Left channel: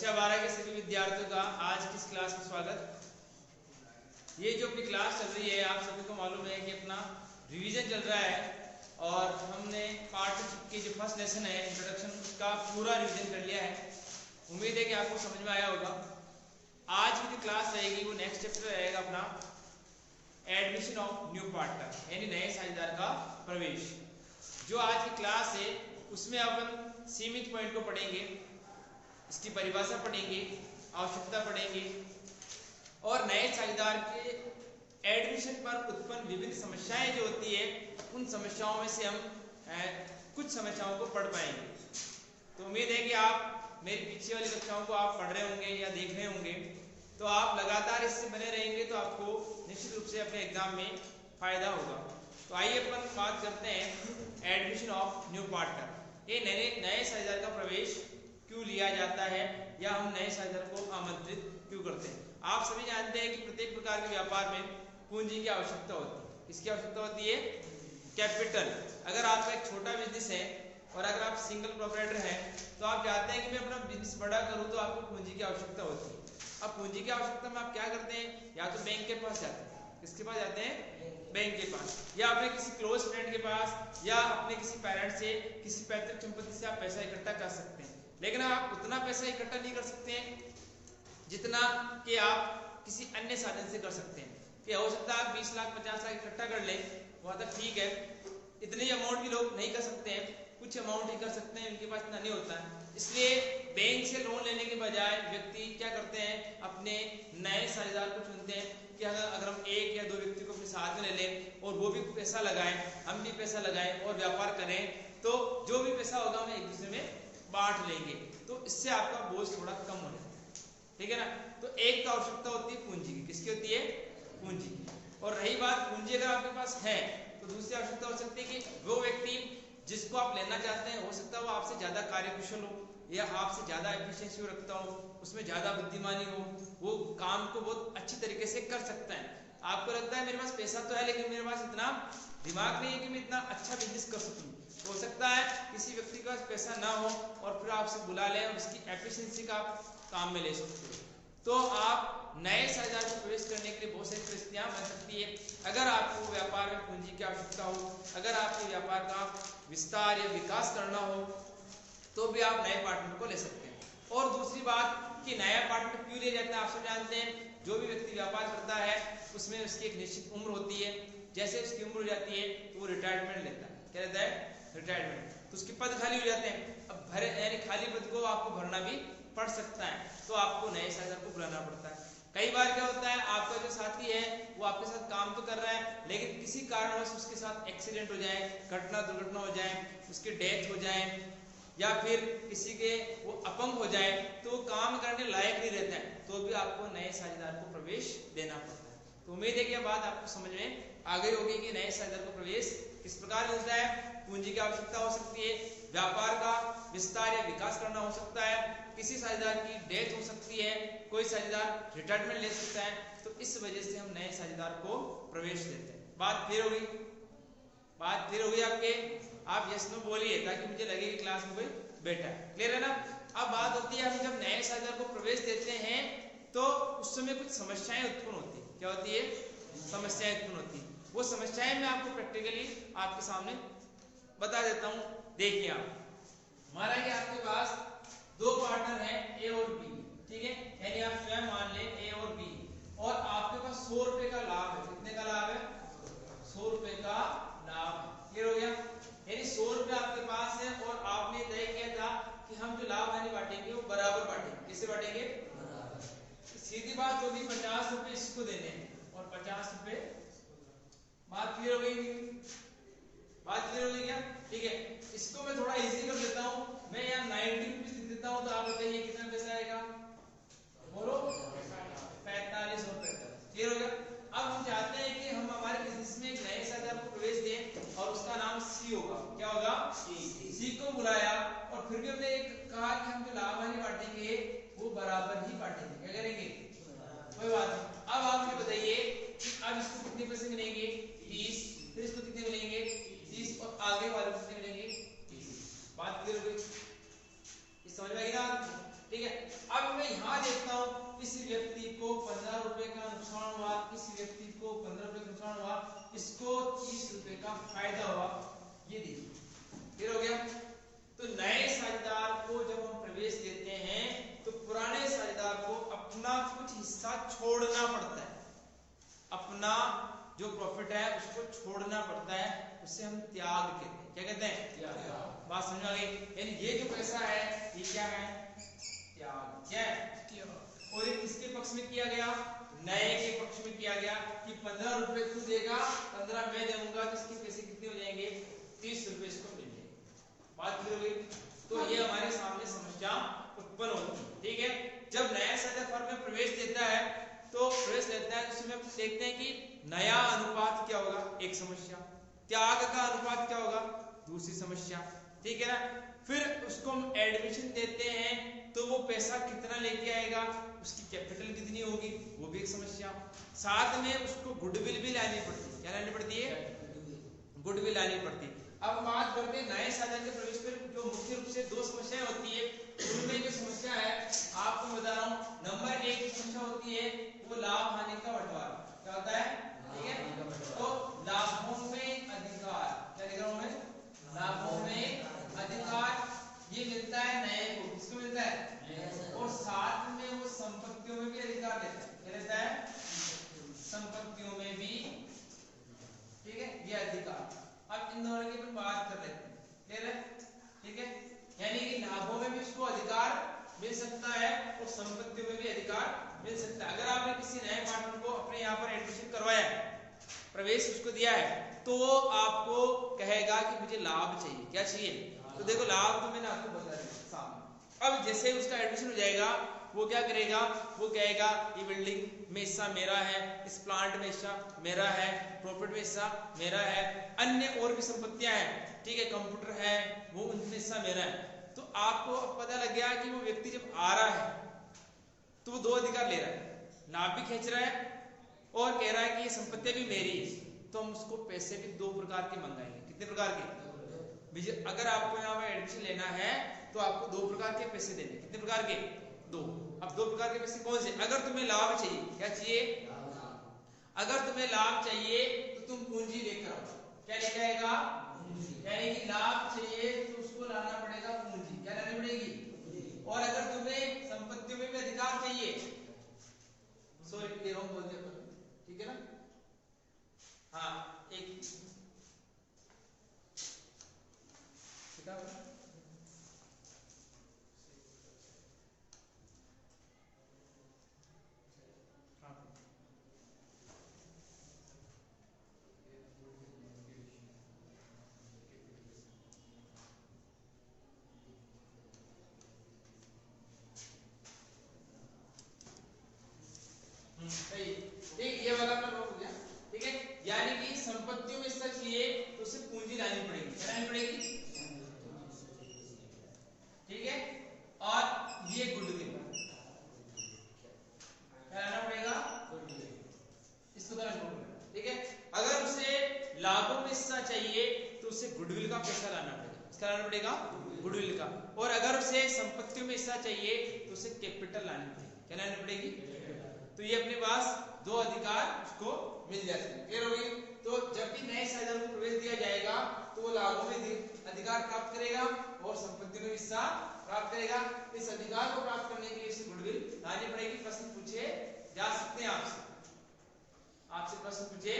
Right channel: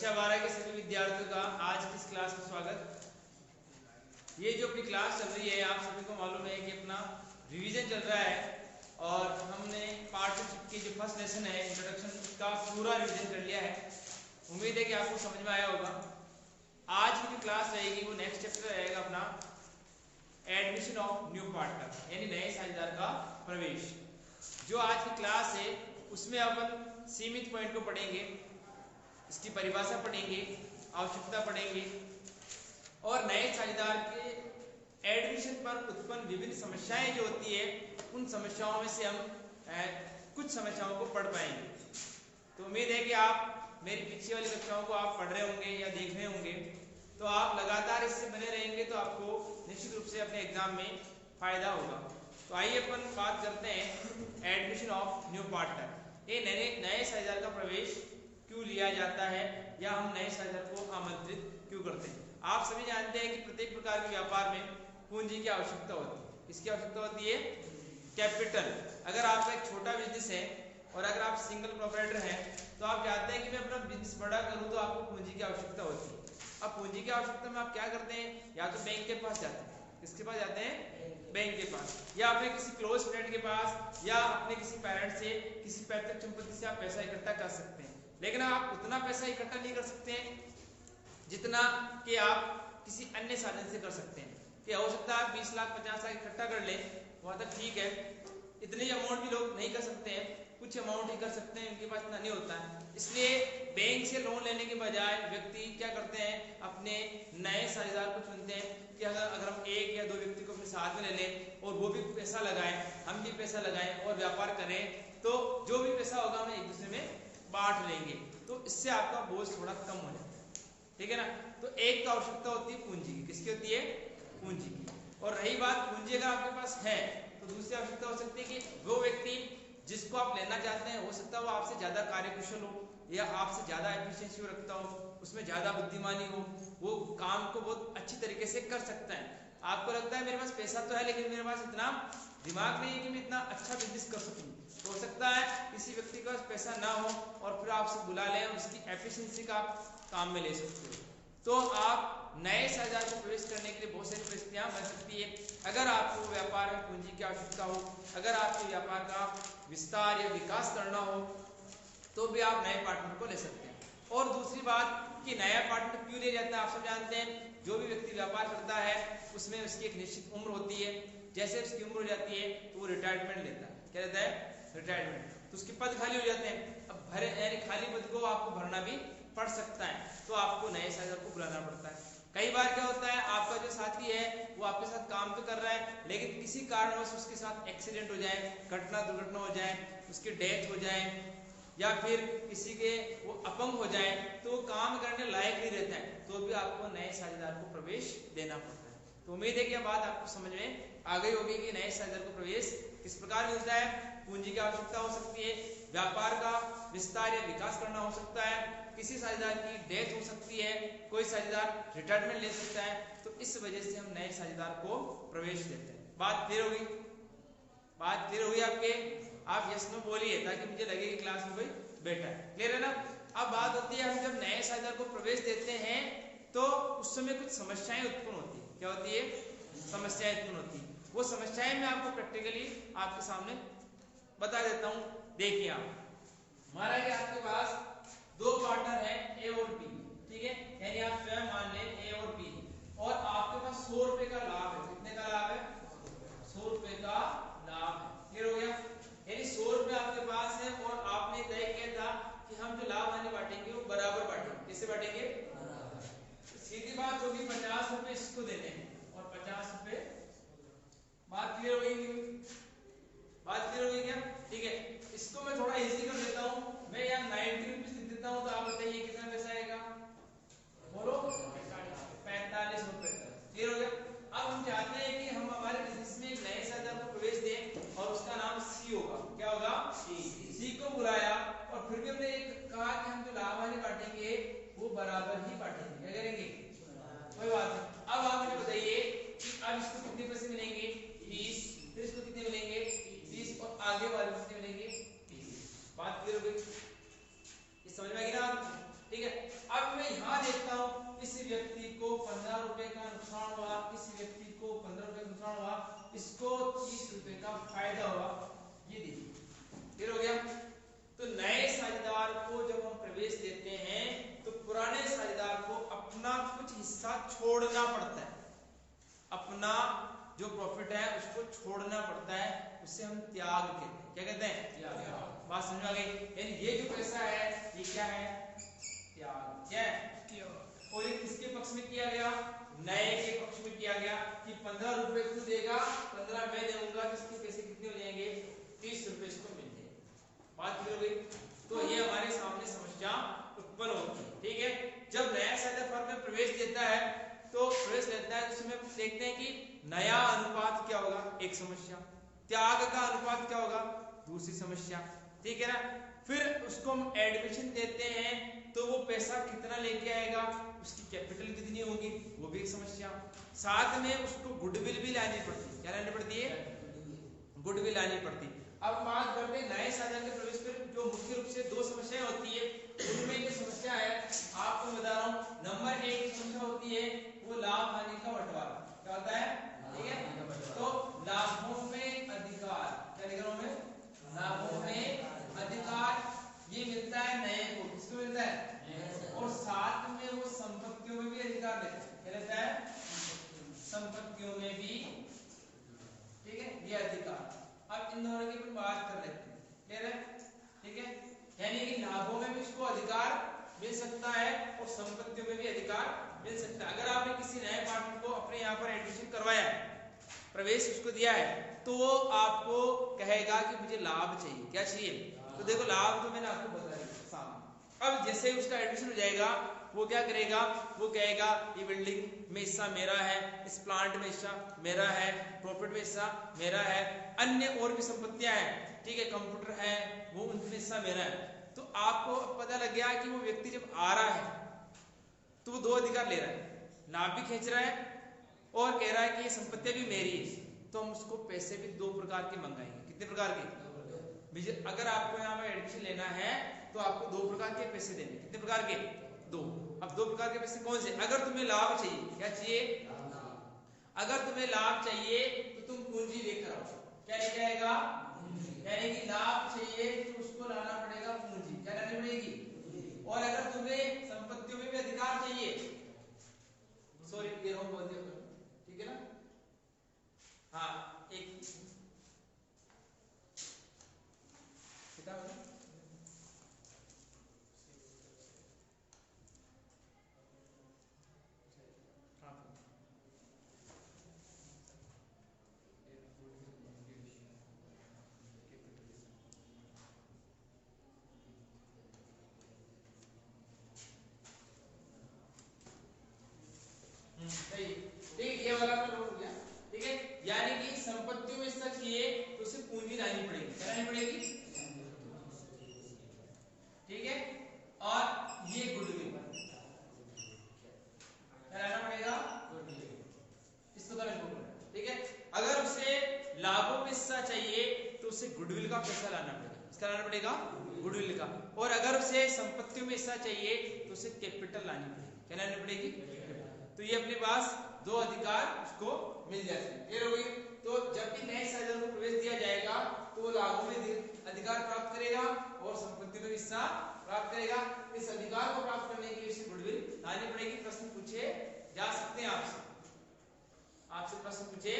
कक्षा 12 के सभी विद्यार्थियों का आज की इस क्लास में स्वागत। ये जो अपनी क्लास चल रही है, आप सभी को मालूम है कि अपना रिवीजन चल रहा है और हमने पार्टशिप की जो फर्स्ट लेसन है इंट्रोडक्शन, उसका पूरा रिवीजन कर लिया है। उम्मीद है कि आपको समझ में आया होगा। आज की जो क्लास रहेगी वो नेक्स्ट चैप्टर रहेगा अपना एडमिशन ऑफ न्यू पार्टनर, यानी नए साझेदार का प्रवेश। जो आज की क्लास है उसमें अपन सीमित पॉइंट को पढ़ेंगे, इसकी परिभाषा पढ़ेंगे, आवश्यकता पढ़ेंगे और नए साझेदार के एडमिशन पर उत्पन्न विभिन्न समस्याएं जो होती है उन समस्याओं में से हम कुछ समस्याओं को पढ़ पाएंगे। तो उम्मीद है कि आप मेरी पीछे वाली कक्षाओं को आप पढ़ रहे होंगे या देख रहे होंगे, तो आप लगातार इससे बने रहेंगे तो आपको निश्चित रूप से अपने एग्जाम में फायदा होगा। तो आइए अपन बात करते हैं एडमिशन ऑफ न्यू पार्टनर। ये नए साझेदार का प्रवेश क्यों लिया जाता है या हम नए साझेदार को आमंत्रित क्यों करते हैं। आप सभी जानते हैं कि प्रत्येक प्रकार के व्यापार में पूंजी की आवश्यकता होती है। किसकी आवश्यकता होती है? कैपिटल। अगर आपका एक छोटा बिजनेस है और अगर आप सिंगल प्रोप्राइटर हैं तो आप चाहते हैं कि मैं अपना बिजनेस बड़ा करूं, तो आपको पूंजी की आवश्यकता होती है। अब पूंजी की आवश्यकता में आप क्या करते हैं? या तो बैंक के पास जाते हैं। किसके पास जाते हैं? बैंक के पास, या अपने किसी क्लोज फ्रेंड के पास, या अपने किसी पेरेंट से, किसी पैतृक संपत्ति से आप पैसा इकट्ठा कर सकते हैं। लेकिन आप उतना पैसा इकट्ठा नहीं कर सकते हैं जितना कि आप किसी अन्य साधन से कर सकते हैं। कि हो सकता है आप 20 लाख 50 लाख इकट्ठा कर लें, वहां तक ठीक है। इतनी अमाउंट भी लोग नहीं कर सकते हैं, कुछ अमाउंट ही कर सकते हैं, उनके पास इतना नहीं होता है। इसलिए बैंक से लोन लेने के बजाय व्यक्ति क्या करते हैं, अपने नए साझेदार को चुनते हैं कि अगर हम एक या दो व्यक्ति को अपने साथ में ले लें और वो भी पैसा लगाएं, हम भी पैसा लगाएं और व्यापार करें, तो जो भी पैसा होगा हम एक दूसरे में बांट लेंगे, तो इससे आपका बोझ थोड़ा कम हो जाता है। ठीक है ना। तो एक तो आवश्यकता होती है पूंजी की। किसकी होती है? पूंजी की। और रही बात पूंजी अगर आपके पास है तो दूसरी आवश्यकता हो सकती है कि वो व्यक्ति जिसको आप लेना चाहते हैं, हो सकता है वो आपसे ज्यादा कार्यकुशल हो या आपसे ज्यादा एफिशिएंसी रखता हो, उसमें ज्यादा बुद्धिमानी हो, वो काम को बहुत अच्छी तरीके से कर सकता है। आपको लगता है मेरे पास पैसा तो है लेकिन मेरे पास इतना दिमाग नहीं है कि मैं इतना अच्छा बिजनेस कर सकूं। तो हो सकता है किसी व्यक्ति के पास पैसा ना हो और फिर आप उसे बुला लें और उसकी एफिशिएंसी का आप काम में ले सकते हो। तो आप नए साझेदार को प्रवेश करने के लिए बहुत सारी परिस्थितियां बन सकती है। अगर आपको व्यापार में पूंजी की आवश्यकता हो, अगर आपके व्यापार का विस्तार या विकास करना हो, तो भी आप नए पार्टनर को ले सकते हैं। और दूसरी बात कि नया पार्टनर क्यों लिया जाता है, आप सब जानते हैं। जो भी व्यक्ति व्यापार करता है उसमें उसकी एक निश्चित उम्र होती है। जैसे उसकी उम्र हो जाती है तो वो रिटायरमेंट लेता है। क्या लेता है? रिटायरमेंट। तो उसके पद खाली हो जाते हैं। अब भरे यानी खाली पद को आपको भरना भी पड़ सकता है, तो आपको नए साझेदार को बुलाना पड़ता है। कई बार क्या होता है, आपका जो साथी है वो आपके साथ काम तो कर रहा है लेकिन किसी कारणवश उसके साथ एक्सीडेंट हो जाए, घटना दुर्घटना हो जाए, उसकी डेथ हो जाए या फिर किसी के वो अपंग हो जाए, तो वो काम करने लायक नहीं रहता है, तो भी आपको नए साझेदार को प्रवेश देना पड़ता है। तो उम्मीद है कि यह बात आपको समझ में आ गई होगी कि नए साझेदार को प्रवेश किस प्रकार मिलता है। पूंजी की आवश्यकता हो सकती है, व्यापार का विस्तार या विकास करना हो सकता है, किसी साझेदार की डेथ हो सकती है, कोई साझेदार रिटायरमेंट ले सकता है। तो इस वजह से हम नए साझेदार को प्रवेश देते हैं। बात क्लियर होगी? बात क्लियर होगी आपके? आप यस नो बोलिए ताकि मुझे लगे कि क्लास में कोई बैठा है। क्लियर है ना। अब बात होती है, हम जब नए साझेदार को प्रवेश देते हैं तो उस समय कुछ समस्याएं उत्पन्न होती है। क्या होती है? समस्याएं उत्पन्न होती है। वो समस्याएं मैं आपको प्रैक्टिकली आपके सामने बता देता हूं। देखिए आप, माना कि आपके पास दो पार्टनर हैं ए और बी, ठीक है, यानी आप स्वयं मान लें ए और बी, और आपके पास 100 रुपए का लाभ है। कितने का लाभ है? 100 रुपए का लाभ है। क्लियर हो गया? यानी 100 रुपए आपके पास है और आपने तय किया था कि हम जो लाभ हानि बांटेंगे वो बराबर बांटेंगे। कैसे बांटेंगे? बराबर। सीधी बात होगी 50 रुपए इसको देने हैं और 50 रुपए। बात क्लियर हो गई? बात क्लियर हो गई क्या? ठीक है, इसको मैं थोड़ा इजी कर देता हूं। मैं यहाँ 90 रुपीज लिख देता हूं, तो आप बताइए कितना पैसा आएगा? बोलो। 45 रुपए। क्लियर हो गया? अब हम चाहते हैं कि हम हमारे बिजनेस में एक नए साझेदार को प्रवेश दें और उसका नाम सी होगा। क्या होगा? सी को बुलाया और फिर भी हमने एक कहा कि हम जो लाभ हानि बांटेंगे वो बराबर ही बांटेंगे। क्या करेंगे? कोई बात नहीं। अब आप मुझे बताइए कि अब इसको कितने पैसे मिलेंगे? 30। फिर इसको कितने मिलेंगे? 30। और आगे वाले कितने मिलेंगे? 30। बात क्लियर हो गई? समझ में आ गई ना? ठीक है। अब इसको 30 रुपए का फायदा हुआ, ये देखिए क्लियर हो गया। तो नए साझेदार को जब हम प्रवेश देते हैं तो पुराने साझेदार को अपना कुछ हिस्सा छोड़ना पड़ता है, अपना जो प्रॉफिट है उसको छोड़ना पड़ता है, उसे हम त्याग कहते हैं। क्या कहते हैं? त्याग। बात समझ आ गई? यानी ये जो पैसा है ये क्या है? त्याग। क्या है? और ये किसके पक्ष में किया गया? नए के पक्ष में किया गया कि 15 रुपए तू देगा, 15 मैं दूंगा, तो इसके पैसे कितने हो जाएंगे? 30 रुपए इसको मिल जाएंगे। बात क्लियर हो गई? तो ये हमारे सामने समस्या उत्पन्न होती है। ठीक है, जब नया साझेदार फर्म में प्रवेश देता है तो प्रवेश लेता है, उसमें देखते हैं कि नया अनुपात क्या होगा, एक समस्या, त्याग का अनुपात क्या होगा, दूसरी समस्या। ठीक है ना? फिर उसको हम एडमिशन देते हैं तो वो पैसा कितना लेके आएगा, उसकी कैपिटल कितनी होगी, वो भी एक समस्या। साथ में उसको गुडविल भी लानी पड़ती है। क्या लानी पड़ती है? गुडविल लानी पड़ती है। अब बात करते हैं नए साझेदार के प्रवेश पर जो मुख्य रूप से दो समस्याएं होती है, उनमें जो समस्या है आपको बता रहा हूं। नंबर 1 समस्या होती है वो लाभ हानि का बंटवारा। क्या होता है? ठीक है, तो लाभों में अधिकार, क्या लिख रहा हूं मैं? लाभों में अधिकार ये मिलता है नए को। किसको मिलता है? और साथ में वो संपत्तियों में भी अधिकार लेता है। क्या लेता है? संपत्तियों में भी। ठीक है, ये अधिकार। अब इन दोनों की अपन बात कर रहे हैं, क्लियर है? ठीक है, यानी कि लाभों में भी इसको अधिकार मिल सकता है और संपत्तियों में भी अधिकार मिल सकता है। अगर आपने किसी नए पार्टनर को अपने यहाँ पर एडमिशन करवाया है, प्रवेश उसको दिया है, तो वो आपको कहेगा कि मुझे लाभ चाहिए। क्या चाहिए? तो देखो लाभ तो मैंने आपको बता दिया सामने। अब जैसे उसका एडमिशन हो जाएगा वो क्या करेगा? वो कहेगा ये बिल्डिंग में हिस्सा मेरा है, इस प्लांट में हिस्सा मेरा है, प्रॉपर्टी में हिस्सा मेरा है, अन्य और भी संपत्तियां हैं, ठीक है, कंप्यूटर है, वो उनमें हिस्सा मेरा है। तो आपको पता लग गया कि वो व्यक्ति जब आ रहा है तो वो दो अधिकार ले रहा है, लाभ भी खींच रहा है और कह रहा है कि ये संपत्ति भी मेरी है। तो हम उसको पैसे भी दो प्रकार के मंगाएंगे। कितने प्रकार के? अगर आपको यहाँ पर एडमिशन लेना है तो आपको दो प्रकार के पैसे देने। कितने प्रकार के? दो। अब दो प्रकार के पैसे कौन से? अगर तुम्हें लाभ चाहिए, क्या चाहिए? अगर तुम्हें लाभ चाहिए तो तुम पूंजी लेकर आओ। क्या लेकर आएगा? यानी कि लाभ चाहिए तो उसको लाना पड़ेगा पूंजी। क्या लानी पड़ेगी? और अगर तुम्हें संपत्तियों में भी अधिकार चाहिए, सॉरी ये रॉन्ग बोल दिया, ठीक है ना? हाँ, एक ठीक, ये वाला अपना हो गया। ठीक है, यानी कि संपत्तियों में हिस्सा चाहिए तो उसे पूंजी लानी पड़ेगी। क्या लानी पड़ेगी? ठीक है, और ये गुडविल क्या लाना पड़ेगा? इसको तरह जोड़ना। ठीक है, अगर उसे लाभों में हिस्सा चाहिए तो उसे गुडविल का पैसा लाना पड़ेगा। इसका लाना पड़ेगा गुडविल का। और अगर उसे संपत्तियों में हिस्सा चाहिए तो उसे कैपिटल लानी पड़ेगी। क्या लानी पड़ेगी? तो ये अपने पास दो अधिकार उसको मिल जाते हैं। क्लियर हो गई? तो जब भी नए साझेदार को प्रवेश दिया जाएगा तो वो लाभों में अधिकार प्राप्त करेगा और संपत्ति में हिस्सा प्राप्त करेगा। इस अधिकार को प्राप्त करने के लिए इसे गुडविल लानी पड़ेगी। प्रश्न पूछे जा सकते हैं आपसे प्रश्न पूछे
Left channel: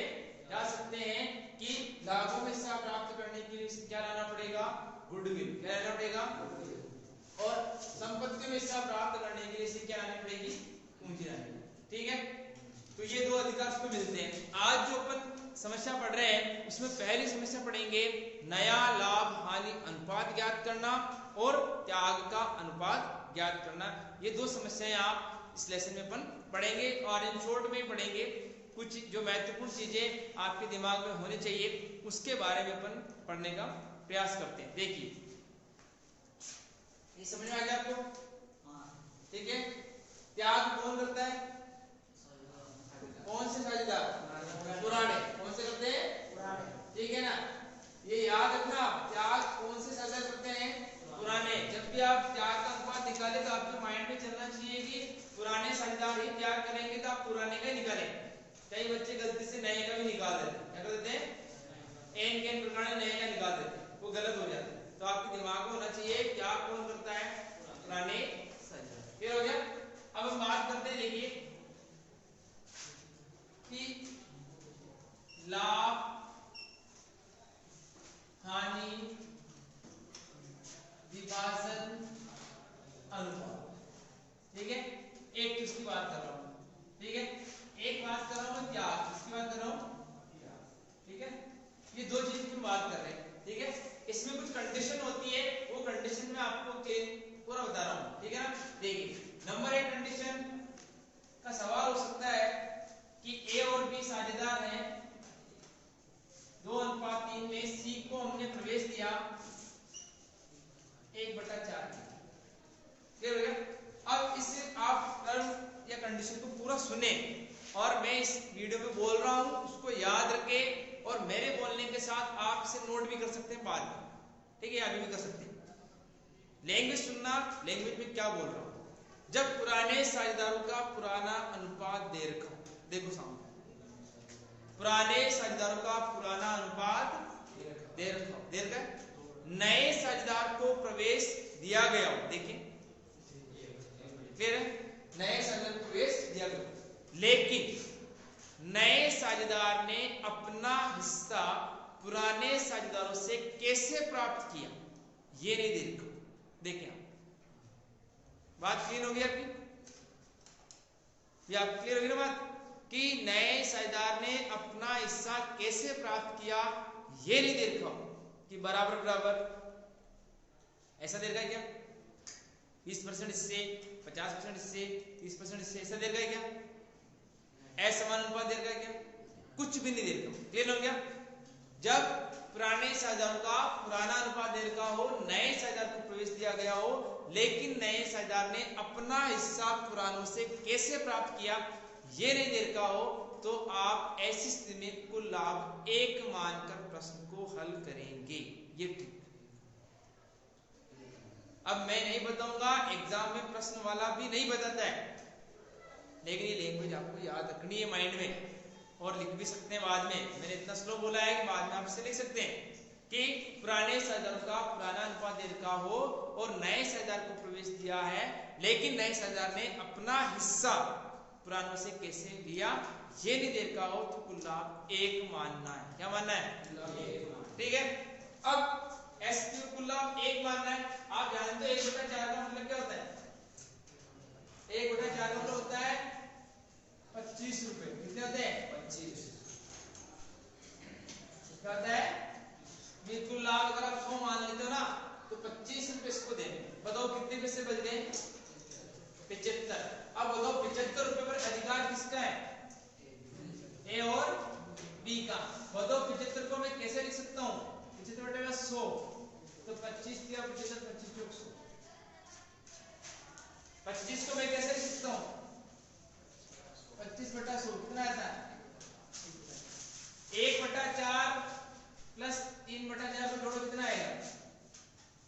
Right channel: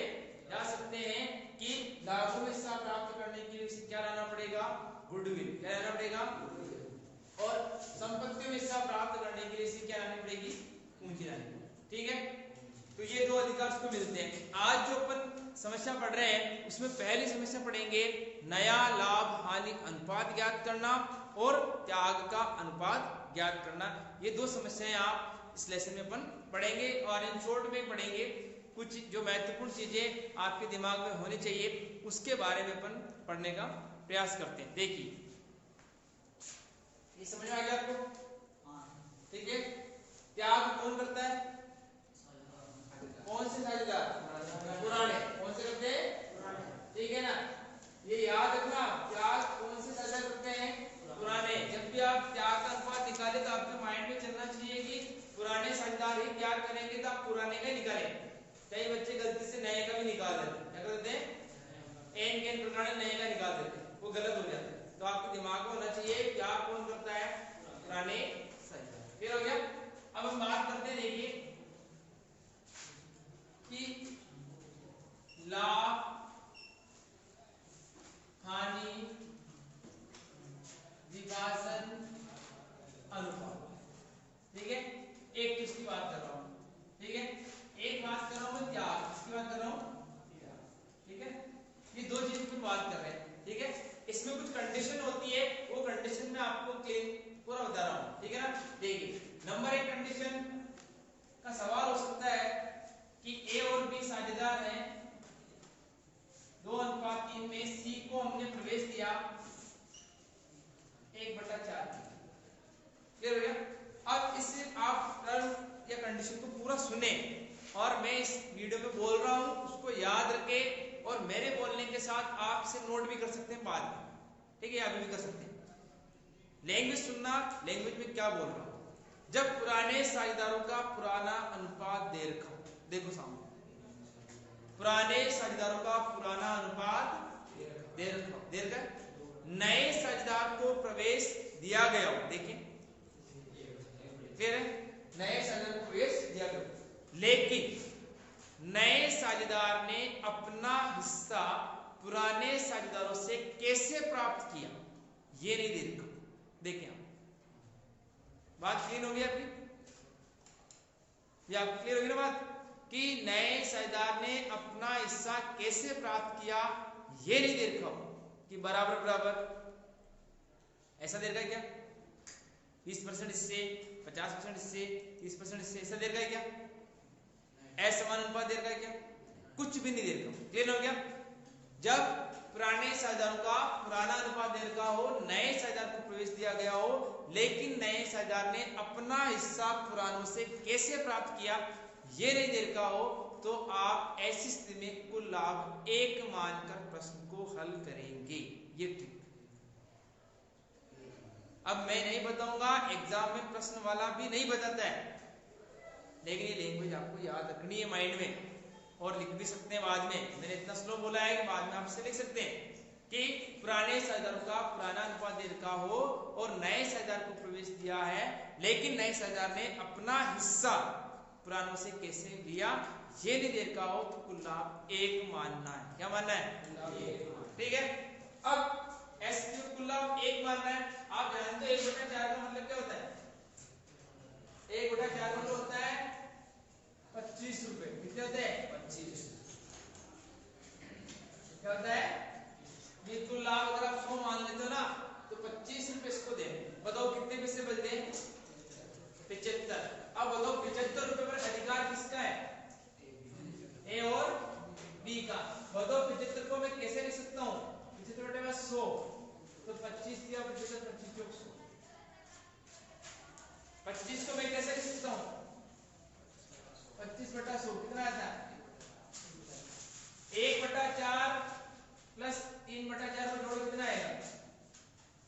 जा सकते हैं कि लाभों में हिस्सा प्राप्त करने के लिए इसे क्या लाना पड़ेगा? गुडविल। क्या लाना पड़ेगा? और संपत्ति में हिस्सा प्राप्त करने के लिए इसे क्या लानी पड़ेगी? पूंजी लानी पड़ेगी। ठीक है, तो ये दो अधिकार उसको मिलते हैं। आज जो अपन समस्या पढ़ रहे हैं उसमें पहली समस्या पढ़ेंगे नया लाभ हानि अनुपात ज्ञात करना और त्याग का अनुपात ज्ञात करना। ये दो समस्याएं आप इस लेसन में अपन पढ़ेंगे और इन शॉर्ट में पढ़ेंगे। कुछ जो महत्वपूर्ण चीजें आपके दिमाग में होनी चाहिए उसके बारे में अपन पढ़ने का प्रयास करते हैं। देखिए, ये समझ में आ गया आपको? ठीक है, त्याग कौन करता है? कौन से साझेदार? पुराने। कौन से करते हैं? ठीक है ना, ये याद रखना। त्याग कौन से साझेदार करते हैं? पुराने। जब भी आप त्याग का अनुपात निकाले तो आपके माइंड में चलना चाहिए कि पुराने साझेदार ही त्याग करेंगे तो आप पुराने का ही निकालें। कई बच्चे गलती से नए का भी निकाल देते हैं। क्या कर देते हैं, एन के एन प्रकार नए का निकाल देते हैं, वो गलत हो जाता है। तो आपके दिमाग में होना चाहिए क्या कौन करता है, पुराने साझेदार। क्लियर हो गया। अब हम बात करते हैं, देखिए कि लाभ हानि विभाजन अनुपात। ठीक है, एक चीज की बात कर रहा हूं, ठीक है, एक बात कर रहा हूं मैं, क्या इसकी बात कर रहा हूं, ठीक है, ये दो चीज की बात कर रहे हैं। ठीक है, इसमें कुछ कंडीशन होती है, वो कंडीशन में आपको पूरा बता रहा हूं। ठीक है ना, देखिए नंबर एक कंडीशन का सवाल हो सकता है कि ए और बी साझेदार हैं, 2:3 में सी को हमने प्रवेश दिया 1/4। क्लियर हो गया। अब इससे आप टर्म या कंडीशन को पूरा सुने और मैं इस वीडियो में बोल रहा हूं उसको याद रखे, और मेरे बोलने के साथ आप इसे नोट भी कर सकते हैं बाद में। ठीक है, अभी भी कर सकते हैं। लैंग्वेज सुनना, लैंग्वेज में क्या बोल रहा हूं। जब पुराने साझेदारों का पुराना अनुपात दे रखा, देखो सामने, पुराने साझेदारों का पुराना अनुपात दे रखा, नए साझेदार को प्रवेश दिया गया हो, देखिए क्लियर है, नए साझेदार को प्रवेश दिया गया, लेकिन नए साझेदार ने अपना हिस्सा पुराने साझेदारों से कैसे प्राप्त किया, ये नहीं दे रखा। देखिए आप, बात क्लियर होगी आपकी, ये आप क्लियर होगी ना बात, कि नए साझेदार ने अपना हिस्सा कैसे प्राप्त किया, ये नहीं दे रखा कि बराबर बराबर ऐसा दे रखा है क्या, 20% इससे, 50% इससे, 30% इससे, ऐसा दे रखा है क्या, असमान अनुपात दे रखा है क्या, कुछ भी नहीं दे रखा। क्लियर हो गया। जब पुराने साझेदारों का पुराना अनुपात दे रखा हो, नए साझेदार को प्रवेश दिया गया हो, लेकिन नए साझेदार ने अपना हिस्सा पुरानों से कैसे प्राप्त किया ये नहीं दे रखा हो, तो आप ऐसी स्थिति में कुल लाभ 1 मानकर प्रश्न को हल करेंगे। ये ठीक। अब मैं नहीं बताऊंगा, एग्जाम में प्रश्न वाला भी नहीं बताता है, लेकिन ये लैंग्वेज आपको याद रखनी है माइंड में, और लिख भी सकते हैं बाद में। मैंने इतना स्लो बोला है कि बाद में आप इसे लिख सकते हैं कि पुराने साझेदारों का पुराना अनुपात दे रखा हो और नए साझेदार को प्रवेश दिया है, लेकिन नए साझेदार ने अपना हिस्सा पुरानों से कैसे लिया ये नहीं दे रखा हो, तो कुल लाभ 1 मानना है। क्या मानना है, ठीक है। अब एस क्यूब कुल लाभ 1 मानना है। आप जानते हो 1/4 का मतलब क्या होता है, 1/4 का मतलब होता है 25 रुपए। कितने होते हैं, 25। क्या होता है, बिल्कुल लाभ अगर आप 100 मान लेते हो ना, तो 25 रुपए इसको देने। बताओ कितने पैसे बचते हैं, 75। अब बताओ 75 रुपए पर अधिकार किसका है, ए और बी का। बताओ 75 को मैं कैसे लिख सकता हूँ, 75/100, तो 25 दिया 75, 25 100। 25 को मैं कैसे लिख सकता हूँ, 25/100 कितना आता है, 1/4 प्लस 3/4 में जोड़ो कितना आएगा,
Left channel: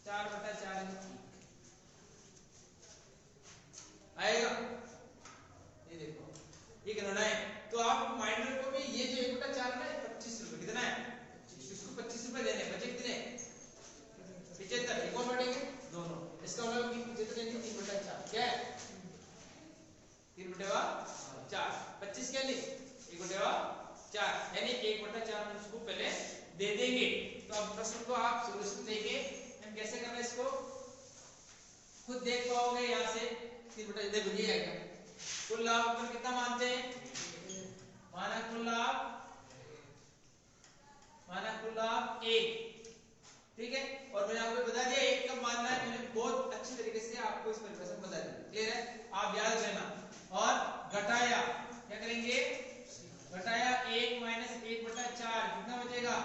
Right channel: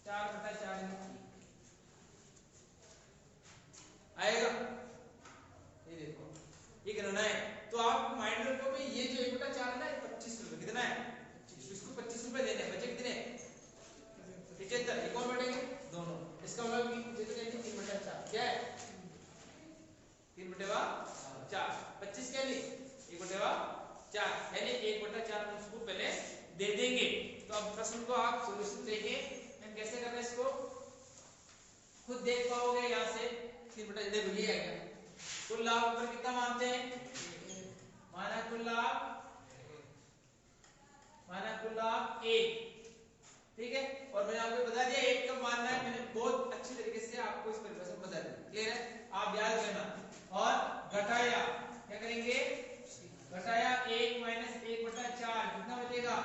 4/4 आएगा। ये देखो ये गणना है, तो आप माइंड रखो कि ये जो 1/4 है 25 रुपए कितना है, इसको 25 रुपए देने बचे कितने, 75। कौन बढ़ेंगे, दोनों। इसका मतलब कि 3/4 क्या है, 3/4। 25 क्या नहीं, 1/4, यानी 1/4 हम इसको पहले दे देंगे। तो अब प्रश्न को आप सॉल्यूशन देंगे, हम कैसे करना है इसको खुद देख पाओगे। यहाँ से 3/4 ये आएगा। कुल लाभ पर कितना मानते हैं, माना कुल लाभ 1, ठीक है। और मैंने आपको बता दिया 1 कब मानना है, मैंने बहुत अच्छी तरीके से आपको इस परिभाषा बता दी। क्लियर है, आप याद रखना। और घटाया क्या करेंगे, घटाया 1 - 1/4 कितना बचेगा,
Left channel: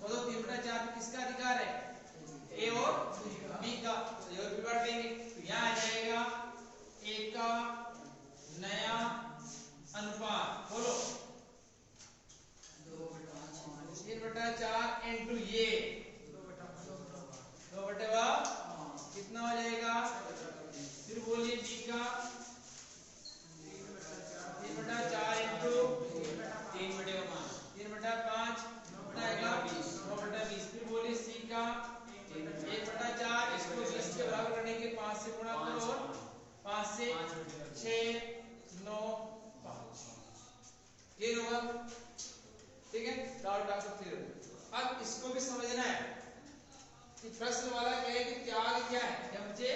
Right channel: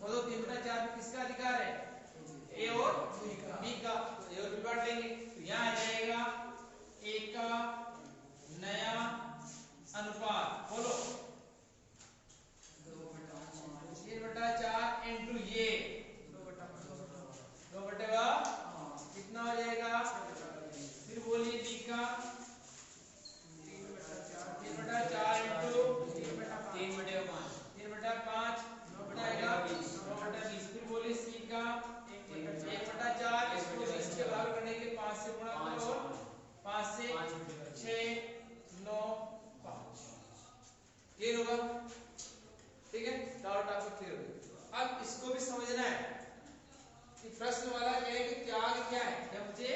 तो 3/4 में किसका अधिकार है, ए और बी का। तो ये बांट देंगे, तो यहाँ आ जाएगा ए का नया अनुपात, बोलो 3/4 इंटू ये 2/4 कितना हो जाएगा, फिर बोलिए बी का 3/4 इंटू 3/5 से गुणा करो, 5 से 6 9 5 ये होगा। ठीक है, डाउट आपको क्लियर हो गया। अब इसको भी समझना है कि प्रश्न वाला क्या है कि त्याग क्या है, क्या मुझे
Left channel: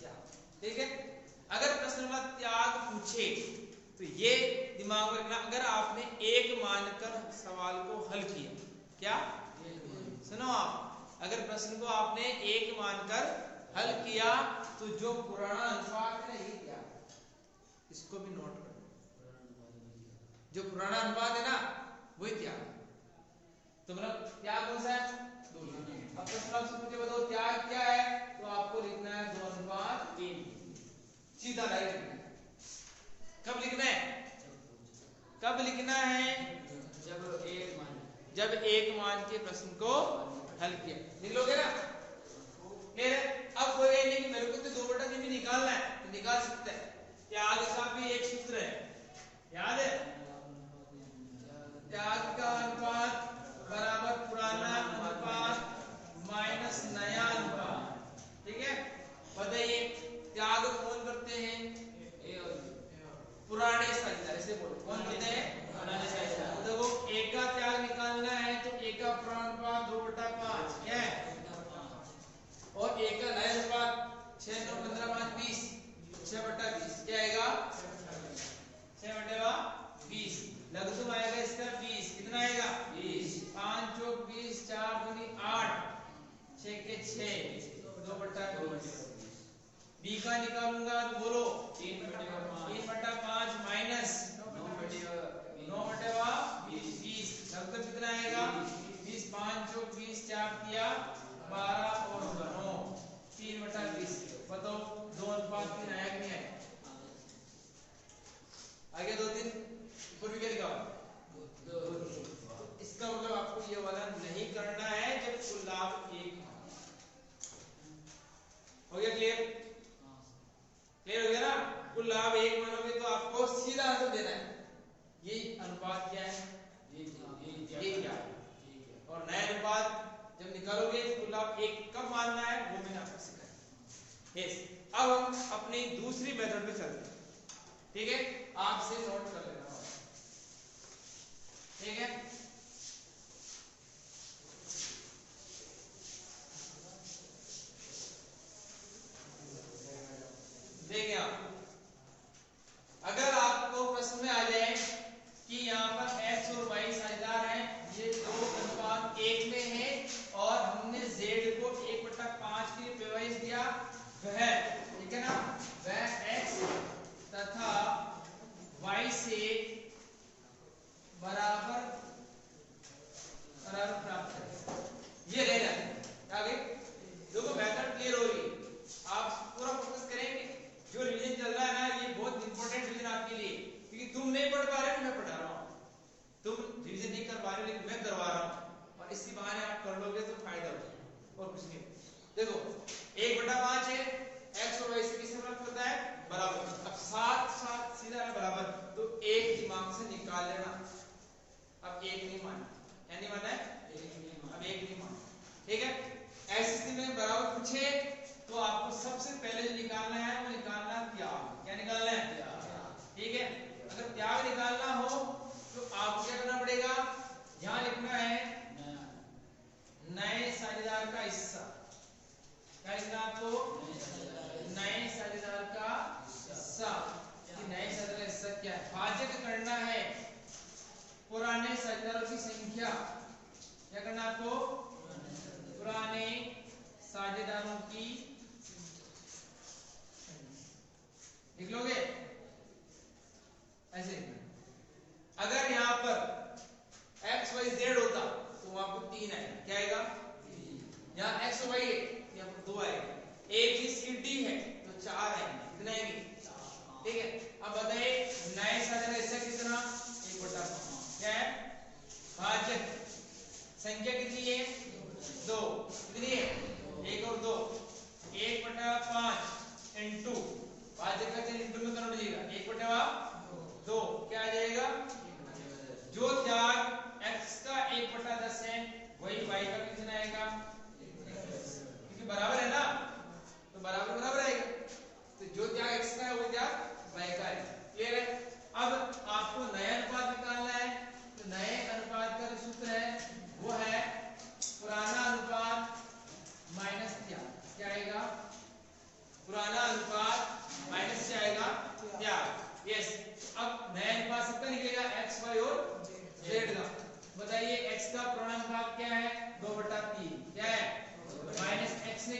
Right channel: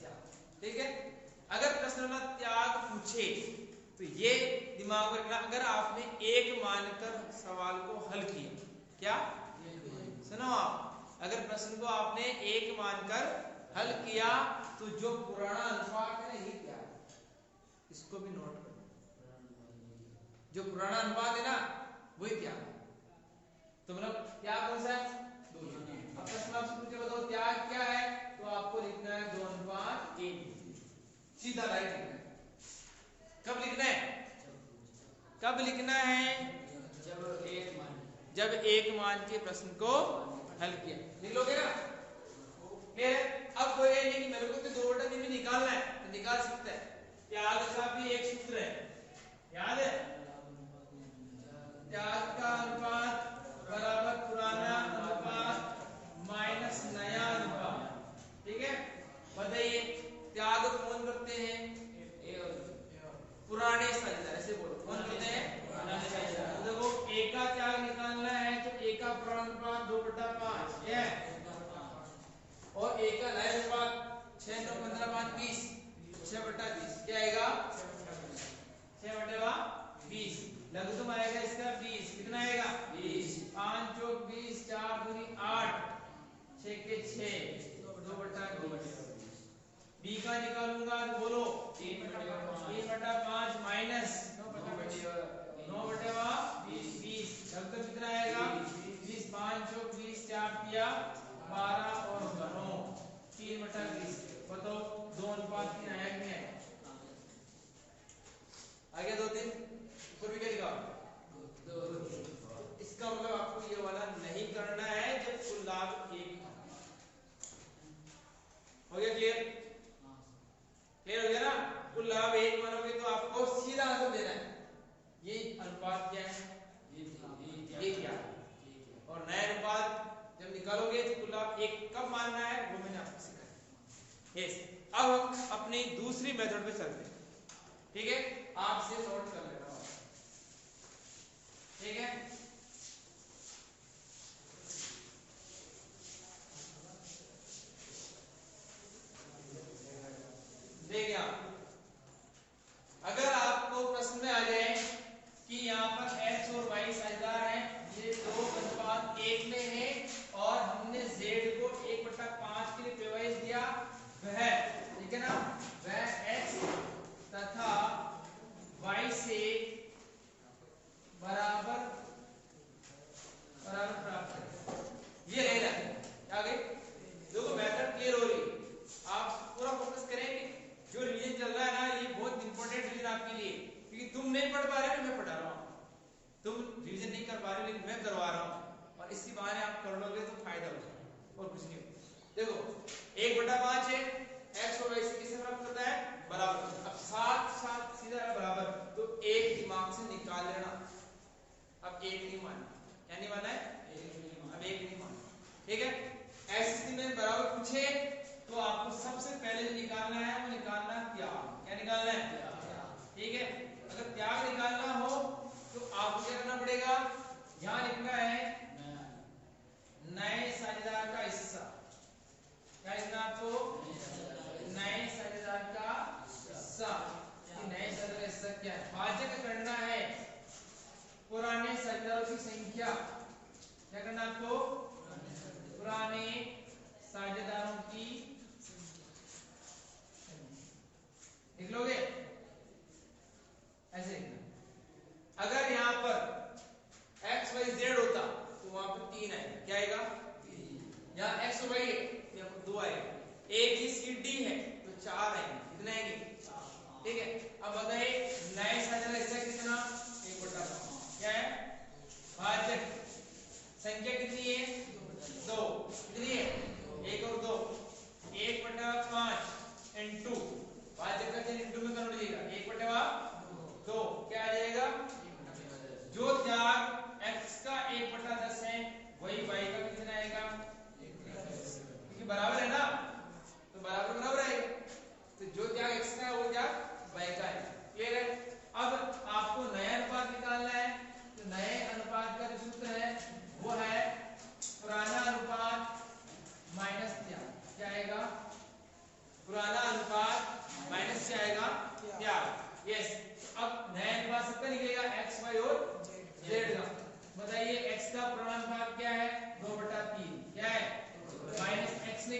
त्याग। ठीक है, अगर प्रश्न वाला त्याग पूछे तो ये दिमाग में रखना, अगर आपने एक मानकर सवाल को हल किया, क्या सुनो आप, अगर प्रश्न को आपने एक मानकर हल किया तो जो पुराना अनुपात है ना ये क्या, इसको भी नोट कर लो, जो पुराना अनुपात है ना वही त्याग। तो मतलब त्याग कौन सा है, 2। अब प्रश्न आपसे पूछे बताओ त्याग क्या है, तो आपको लिखना है 2:1, सीधा राइट लिखना है। कब लिखना है, कब लिखना है, जब एक मान के प्रश्न को हल किया, लिख लोगे ना। फिर अब कोई नहीं कि मेरे को तो 2/3 भी निकालना है तो निकाल सकता है। त्याग का भी एक सूत्र है, याद है, त्याग का अनुपात बराबर पुराना अनुपात माइनस नया अनुपात। ठीक है, बताइए त्याग कौन करते हैं, पुराने साझेदार, ऐसे बोलो कौन करते हैं, पुराने साझेदार। तो देखो एक का त्याग निकालना है तो एक का पुराना अनुपात 2/5 क्या है, और एक का नया अनुपात 6 9 15 5 20, 6/20 क्या आएगा, 6/20। लघुत्तम आएगा इसका 20, कितना आएगा 20, 5 चौक 20, 4 दूनी 8, 6 के 6, 2/20। बी का निकालूंगा तो बोलो 3/5 माइनस 9/20, लघुत्तम कितना आएगा 20, 5 चौक 20, 4 दिया 12 और 9, 3/20। बताओ 2:3 आया कि नहीं आया, आ गया 2-3, ऊपर भी क्या लिखा, इसका मतलब आपको ये वाला नहीं करना है जब कुल लाभ 1 हो गया। क्लियर, क्लियर हो गया ना, कुल लाभ 1 मानोगे तो आपको सीधा आंसर देना है, ये अनुपात क्या है, ये क्या है, और नया अनुपात जब निकालोगे तो कुल लाभ 1 कब मानना है वो मैंने आपको सिखाया। यस, अब हम अपनी दूसरी मेथड पे चलते हैं। ठीक है, आपसे नोट कर लेना, ठीक है। देखिए अगर आपको प्रश्न में आ जाए कि यहाँ पर x और y साझेदार हैं, ये 2:1 में है और हमने z को 1/5 के लिए प्रवाहित दिया, वह ठीक है ना, वह x तथा y से बराबर प्राप्त करें, ये ले लें। आगे देखो मेथड क्लियर हो रही है, आप पूरा फोकस करेंगे। जो रिवीजन चल रहा है ना ये बहुत इंपॉर्टेंट रिवीजन आपके लिए, क्योंकि तुम नहीं पढ़ पा रहे हो, मैं पढ़ा रहा हूँ, तुम रिवीजन नहीं कर पा रहे हो लेकिन मैं करवा रहा हूँ, और इसकी बहाने आप कर लोगे तो फायदा होगा और कुछ नहीं। देखो 1/5 है, x और y से किसे प्राप्त करता है, बराबर। अब साथ सीधा बराबर, तो एक दिमाग से निकाल लेना। अब एक नहीं मानना, क्या नहीं मानना है, अब एक नहीं मानना, ठीक है। ऐसी स्थिति में बराबर पूछे तो आपको सबसे पहले जो निकालना है वो निकालना त्याग, क्या निकालना है, त्याग। ठीक है, अगर त्याग निकालना हो तो आपको क्या करना पड़ेगा, यहां लिखना है नए साझेदार का हिस्सा, क्या लिखना आपको, नए साझेदार का हिस्सा। नए साझेदार का हिस्सा क्या है, भाज्य करना है पुराने साझेदारों की संख्या, क्या करना आपको, पुराने साझेदारों की लिख लोगे, ऐसे लिखना। अगर यहां पर x y z होता तो वहां पर 3 आएगा, क्या आएगा, यहाँ x y है यहाँ पर 2 आएगा, a b c d है तो 4 आएंगे, कितने आएंगे, ठीक है। अब बताइए नए साझेदार हिस्सा कितना, 1/5, क्या है, भाजक संख्या कितनी है, 2, कितनी है, 1 और 2, 1/5 इंटू भाजक का चिन्ह इंटू में करना पड़ेगा, 1/2 क्या आ जाएगा, जो त्याग x का 1/10 है वही y का कितना आएगा, क्योंकि बराबर है ना, तो बराबर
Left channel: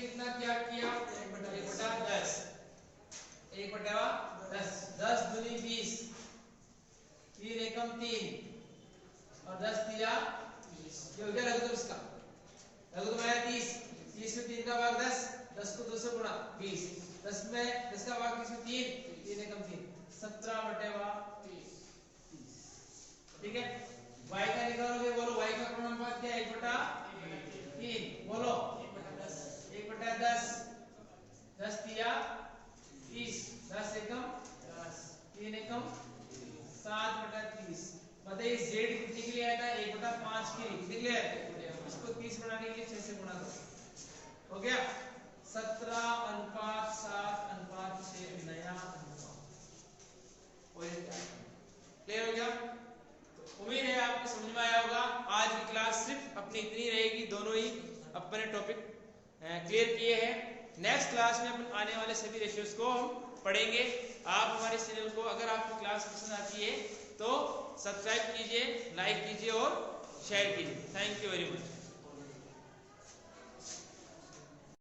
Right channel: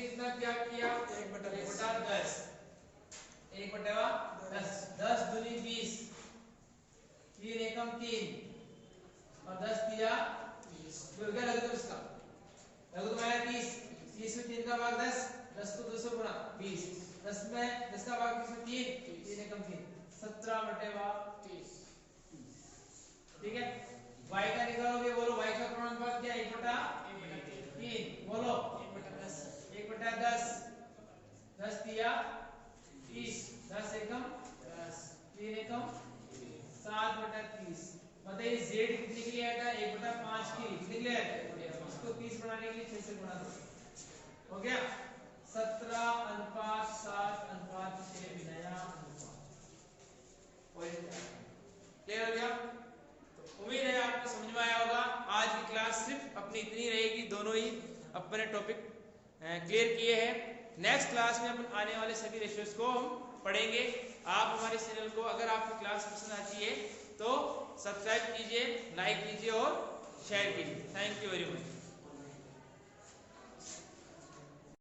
कितना क्या किया 1/10 1/10 10 दूनी 20 3 एकम 3 और 10 दिया ये हो गया लघुत्तम इसका लघुत्तम आया 30 30 में 3 का भाग 10 10 को 2 से गुणा 20 10 में 10 का भाग 30 में 3 एकम 3 17/30 ठीक है। y का निकालोगे बोलो y का पूर्णानुपात क्या है 1/3 बोलो 1/10 10 दिया 30 10 एकम 3 एकम 7/30 बताइए z कितने के लिए आया था 1/5 के लिए कितने के लिए आया इसको 30 बनाने के लिए 6 से गुणा करो हो गया 17:7:6 नया अनुपात क्लियर हो गया। उम्मीद है आपको समझ में आया होगा। आज की क्लास सिर्फ अपनी इतनी रहेगी दोनों ही अपने टॉपिक क्लियर किए हैं। नेक्स्ट क्लास में अपन आने वाले सभी रेशियोज को हम पढ़ेंगे। आप हमारे चैनल को अगर आपको क्लास पसंद आती है तो सब्सक्राइब कीजिए लाइक कीजिए और शेयर कीजिए। Thank you very much.